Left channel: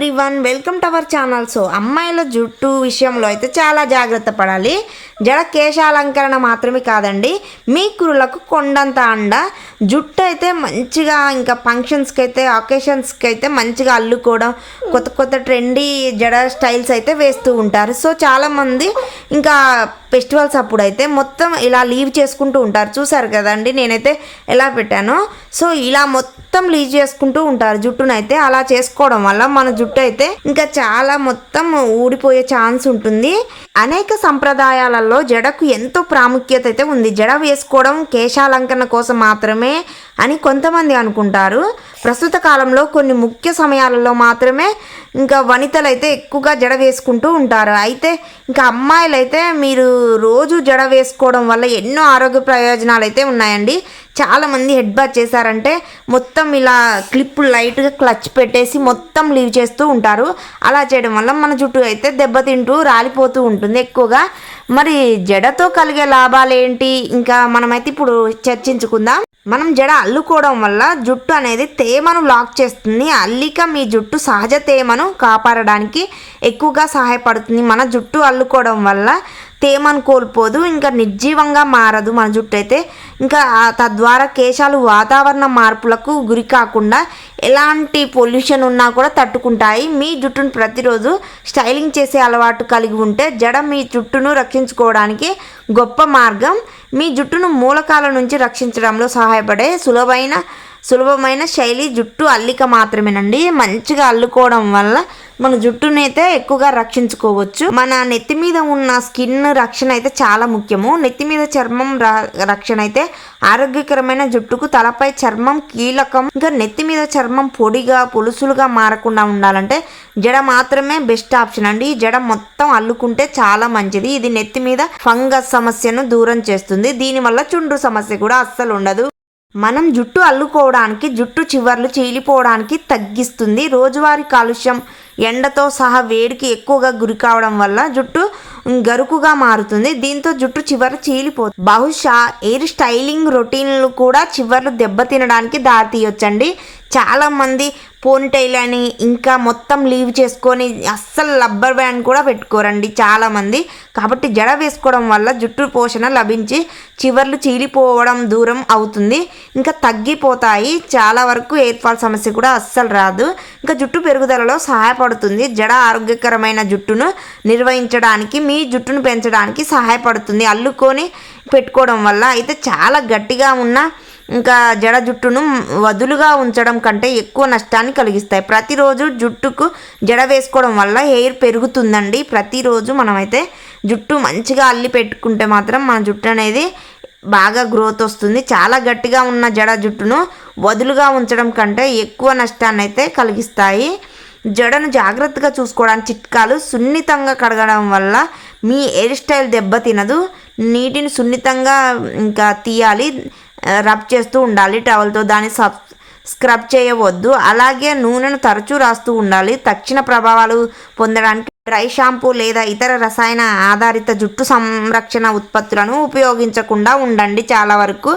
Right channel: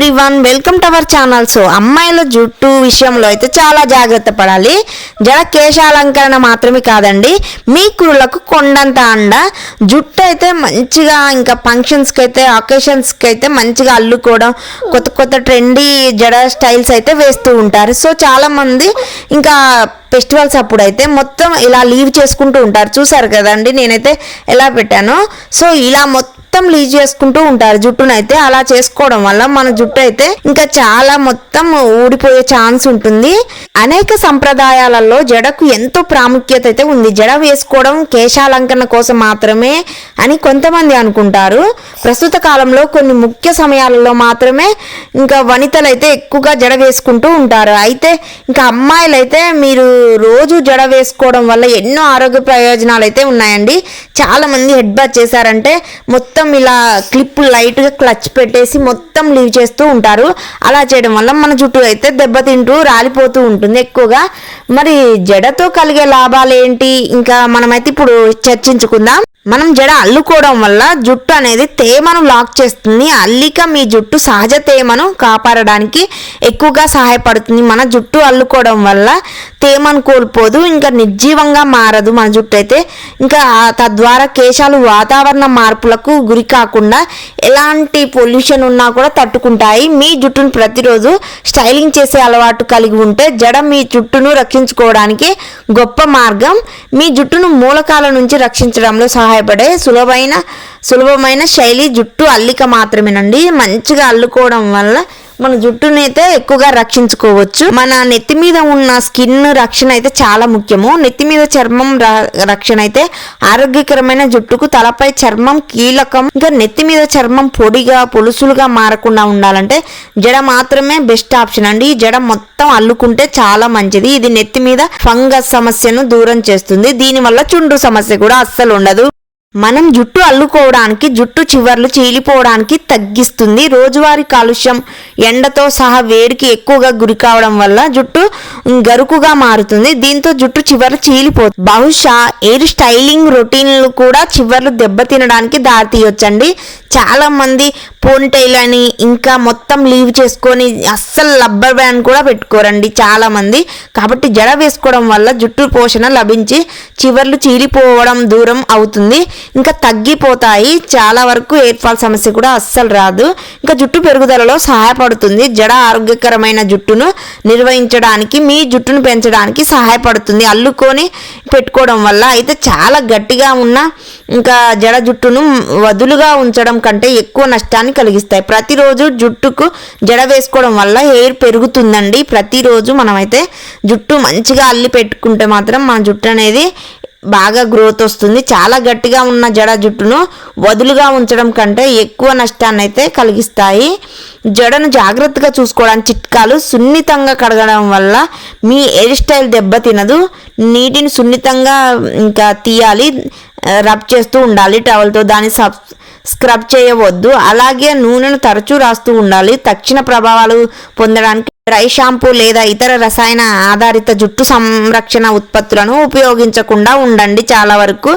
Everyone welcome to our channel so అమ్మాయిల జుట్టు విషయంలో అయితే చాలా జాగ్రత్త పడాలి. జడ కేశాలంకరణ మాత్రమే కాదండి. మీ కురులకు కొండంత అండ. జుట్టు అయితే మంచిగా ఇంకా ఫంక్షన్స్కి అయితే అకేషన్స్కి అయితే మంచిగా అల్లుకోవడం కొత్త కొత్త ట్రెండీ జడ స్టైల్స్ అయితే వేస్తూ ఉంటారు. సో చాలామంది ఇంకా ఫెస్టివల్స్ అప్పుడు అయితే మొత్తం ఇలా లీవ్ చేసుకుంటూ ఉంటారు. చూసారు కదండి నేనైతే ఎలా పెట్టాను. సో ఇలా మొత్తం లీవ్ చేసుకుంటూ ఉంటారు జుట్టునైతే. అలా చేసుకోవడం వల్ల మన జుట్టు అయితే ఇంకా చాలా మొత్తం ఊడిపోయే ఛాన్స్ ఉంటుంది. అనేక సంప్రదాయాలలో జడకు ఎంతో ప్రాముఖ్యత అయితే ఉంది. జడ వేసుకోవడం కేశాలంకరణ కోసం మాత్రమే అని కొంతమంది అనుకుంటారు. ప్రస్తుత కాలంలో కొన్ని ముఖ్య సమయాలలో మాత్రమే ఇంకా వనితలు అయితే ఎక్కువగా జడ వేసుకుంటూ ఉంటారు. అయితే ఇంకా అమ్మాయిలైతే మీరు రోజు జడ వేసుకోవడం వల్ల ఎన్నో ఆరోగ్య ప్రయోజనాలు అయితే ఉన్నాయండి. చాలామంది హెడ్ బాత్ చేశారంటే మొత్తం ఇలా క్లిప్ లైట్గా క్లచ్ పెట్టేసి మొత్తం లీవ్ చేస్తూ ఉంటారు. అలా చేయడం వల్ల మన జుట్టు అయితే దెబ్బతింటూ రాలిపోతూ ఉంటుంది ఎక్కువగా. మరి జడతో కలిగే లాభాలు ఏంటి ఇంకా మనమైతే ఇప్పుడు చర్చించుకుందాం. మనం జడ అల్లుకోవడం వల్ల జుట్టు అనేది తేమను లాక్ చేస్తుంది. అల్లిక మీ జుట్టు సహజ తేమను కాపాడడానికి ఎక్కువగా సహాయపడుతుంది. మన జుట్టు అల్లుకోవడం వల్ల తేమను కోల్పోదు ఇంకా నిర్జీవంగా మారదు. మన జుట్టు అయితే ఇంకా తద్వారా కేశాలు వాతావరణ మార్పులకు గురి కాకుండా ఎలాంటి పొల్యూషన్ ఉన్నా కూడా తట్టుకుంటాయి. మీ జుట్టును ప్రతిరోజు స్టైలింగ్ చేసే అలవాటు కలిగి ఉంటే జడ మీ జుట్టును రక్షించుకోవడానికి గొప్ప మార్గం. మీ జుట్టును మూలకాల నుంచి రక్షించడంలో సహాయపడే సులభమైన సులభమైన శైలి జుట్టు అల్లిక మాత్రమేనండి. మంచిగా అల్లుకోవడం వల్ల మన జుట్టుని అయితే ఎక్కువగా రక్షించుకోవచ్చు. మన నెత్తి మీద ఉన్న స్కిన్ రక్షణ అయితే చాలా ముఖ్యము. నెత్తి మీద చర్మం రక్షణ అయితే ఆరోగ్యకరమైన జుట్టుకు తలపై చర్మం కీలకం. ఇంకా నెత్తి మీద చర్మం పొడిగా పొలుసులుగా మారకుండా ఉండాలంటే జడ మాత్రమే బెస్ట్ ఆప్షన్ అండి. ఈ జడ మొత్తం అల్లుకుంటే చాలా మంచిది. ఇది నెత్తి మీద ఫంగస్ సమస్యను దూరం చేస్తుంది. దీనివల్ల చుండ్రు సమస్య కూడా అస్సలు ఉండదు. మనం జుట్టు అల్లుకోవడానికి జుట్టు చివర్లు చీలిపోవడానికి తగ్గిస్తుంది. రోజువారీ కాలుష్యం ఎండతో సహా వేడికి ఎక్కువగా గురి కావడం వల్ల జుట్టు గరుకుగా మారుతుంది. దీంతో జుట్టు చివర్లు చీలిపోతుంది. బహుశా ఎయిర్ స్టైలింగ్ రొటీన్లు కూడా చివర్లు దెబ్బతినడానికి దారితీయొచ్చండి. చాలామంది పోనిటైల్ అని ఇంకా మొత్తం లీవ్ చేసుకొని అస్సలు రబ్బర్ బ్యాండ్ కూడా పెట్టుకోరండి చాలామంది. కాబట్టి జడ వేసుకోవడం వల్ల జుట్టు పోషణ లభించి చివర్లు చీలిపోవడం దూరం అవుతుంది. ఇంకా తగ్గిపోతాయి. చాలా వరకు ఏర్పాల్ ఫాల్ సమస్య కూడా అస్సలు రాదు. ఇంకా జుట్టు పెరుగుదలలో సహాయపడుతుంది. జడ ఆరోగ్యకరమైన జుట్టును నిర్వహించడానికి మీ జుట్టును పెంచడానికి సహాయపడుతుంది. అల్లుకొని పెట్టుకోవడం వల్ల అయితే చాలా గట్టిగా ఉన్న ఇంకా జడ జుట్టును వదులుగా ఉంచడం కంటే ఎక్కువ నష్టాన్ని కలిగిస్తాయి. ప్రతిరోజు జుట్టుకు జడ వేసుకోవడం వల్ల హెయిర్ పెరుగుతుందండి. ప్రతిరోజు మనమైతే జుట్టు మంచిగా అల్లి పెట్టుకుంటే మాత్రం మన జుట్టు అనేది బాగా గ్రోత్ వస్తుంది. చాలా గట్టిగా ఉన్న జడ జుట్టును వదులుగా ఉంచడం కంటే ఎక్కువ నష్టాన్ని అయితే కలిగిస్తాయి. జడను జాగ్రత్తగా చూసుకోవడానికి చిట్కాలు సున్నితంగా కడగడం వల్ల మీ హెయిర్ స్టైల్ దెబ్బతినదు నీటిని సున్నితంగా ఇంకా తీయాలి. రబ్ చేస్తూ ఉండాలి. టవల్తో దాన్ని సబ్ స్క్రబ్ చేయవద్దు. అలాగే నూనెను తరచూ రాస్తూ ఉండాలి. తక్షణ ప్రభావాలు పొందడానికి డ్రై షాంపూ లేదా ఇతర రసాయన ఆధారిత జుట్టు సంరక్షణ ఉత్పత్తులను ఉపయోగించకుండా ఉండండి. చాలా వరకు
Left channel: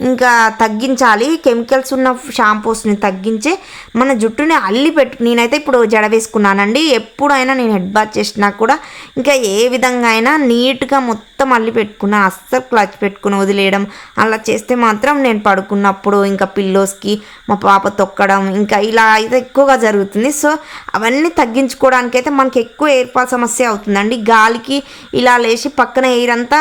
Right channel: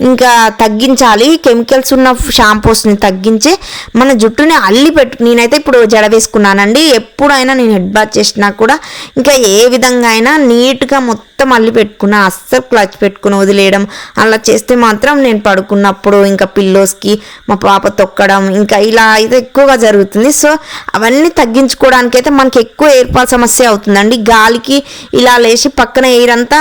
ఇంకా తగ్గించాలి. కెమికల్స్ ఉన్న షాంపూస్ని తగ్గించి మన జుట్టుని అల్లి పెట్టు నేనైతే ఇప్పుడు జడ వేసుకున్నానండి. ఎప్పుడైనా నేను హెడ్ బాత్ చేసినా కూడా ఇంకా ఏ విధంగా అయినా నీట్గా మొత్తం అల్లి పెట్టుకున్నా అస్సలు క్లచ్ పెట్టుకుని వదిలేయడం అలా చేస్తే మాత్రం నేను పడుకున్నప్పుడు ఇంకా పిల్లోస్కి మా పాప తొక్కడం ఇంకా ఇలా అయితే ఎక్కువగా జరుగుతుంది. సో అవన్నీ తగ్గించుకోవడానికి అయితే మనకి ఎక్కువ ఏర్పాటు సమస్య అవుతుందండి. గాలికి ఇలా లేచి పక్కన ఎయిర్ అంతా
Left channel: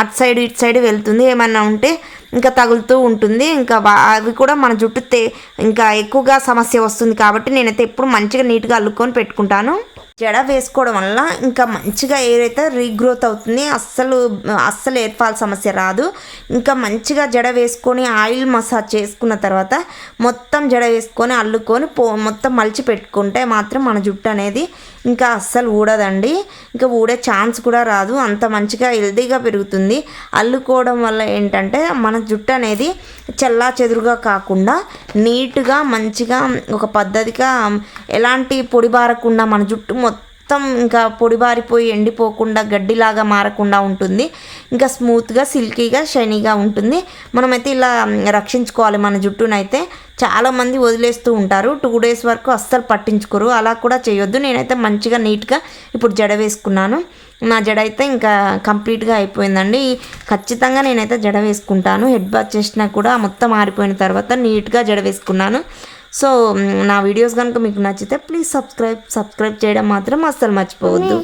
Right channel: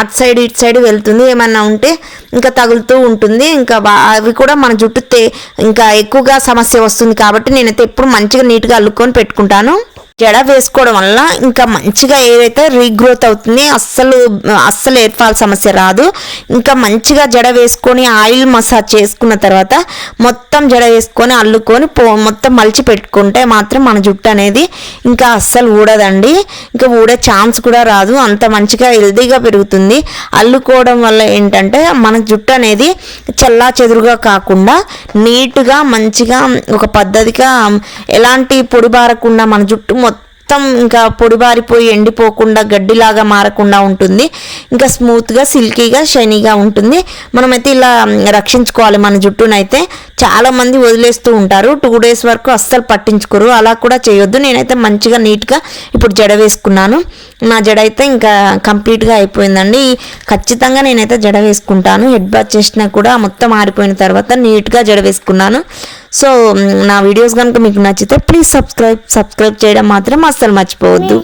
అటు సైడ్ ఇటు సైడ్ వెళ్తుంది. ఏమన్నా ఉంటే ఇంకా తగులుతూ ఉంటుంది. ఇంకా అవి కూడా మన జుట్టు తే ఇంకా ఎక్కువగా సమస్య వస్తుంది కాబట్టి నేనైతే ఎప్పుడు మంచిగా నీట్గా అల్లుకొని పెట్టుకుంటాను. జడ వేసుకోవడం వల్ల ఇంకా మంచిగా ఏదైతే రీగ్రోత్ అవుతుంది అస్సలు అస్సలు ఎయిర్ ఫాల్ సమస్య రాదు. ఇంకా మంచిగా జడ వేసుకొని ఆయిల్ మసాజ్ చేసుకున్న తర్వాత మొత్తం జడ వేసుకొని అల్లుకొని పో మొత్తం మలిచి పెట్టుకుంటే మాత్రం మన జుట్టు అనేది ఇంకా అస్సలు ఊడదండి. ఇంకా ఊడే ఛాన్స్ కూడా రాదు. అంత మంచిగా హెల్దీగా పెరుగుతుంది. అల్లుకోవడం వల్ల ఏంటంటే మన జుట్టు అనేది చల్లా చెదురుగా కాకుండా నీట్గా మంచిగా ఒక పద్ధతిగా ఎలాంటి పొడి బారకుండా మన జుట్టు మొత్తం ఇంకా పొడిబారిపోయి ఎండిపోకుండా గడ్డిలాగా మారకుండా ఉంటుంది. ఇంకా స్మూత్గా సిల్కీగా షైనీగా ఉంటుంది. మనమైతే ఇలా రక్షించుకోవాలి మన జుట్టునైతే. చాలామంది వదిలేస్తూ ఉంటారు. టూ డేస్ వరకు అస్సలు పట్టించుకోరు. అలా కూడా చేయొద్దు. నేనైతే మంచిగా నీట్గా ఇప్పుడు జడ వేసుకున్నాను. నా జడ అయితే ఇంకా కంప్లీట్గా అయిపోయిందండి. ఖచ్చితంగా నేనైతే జడ వేసుకుంటాను. హెడ్ బాత్ చేసినా కూడా మొత్తం ఆరిపోయిన తర్వాత నీట్గా జడ వేసుకున్నాను. సో నా వీడియోస్ కనుక మీకు నచ్చితే ప్లీజ్ సబ్స్క్రైబ్ సబ్స్క్రైబ్ చేయడం మాత్రం అస్సలు మర్చిపోవద్దు.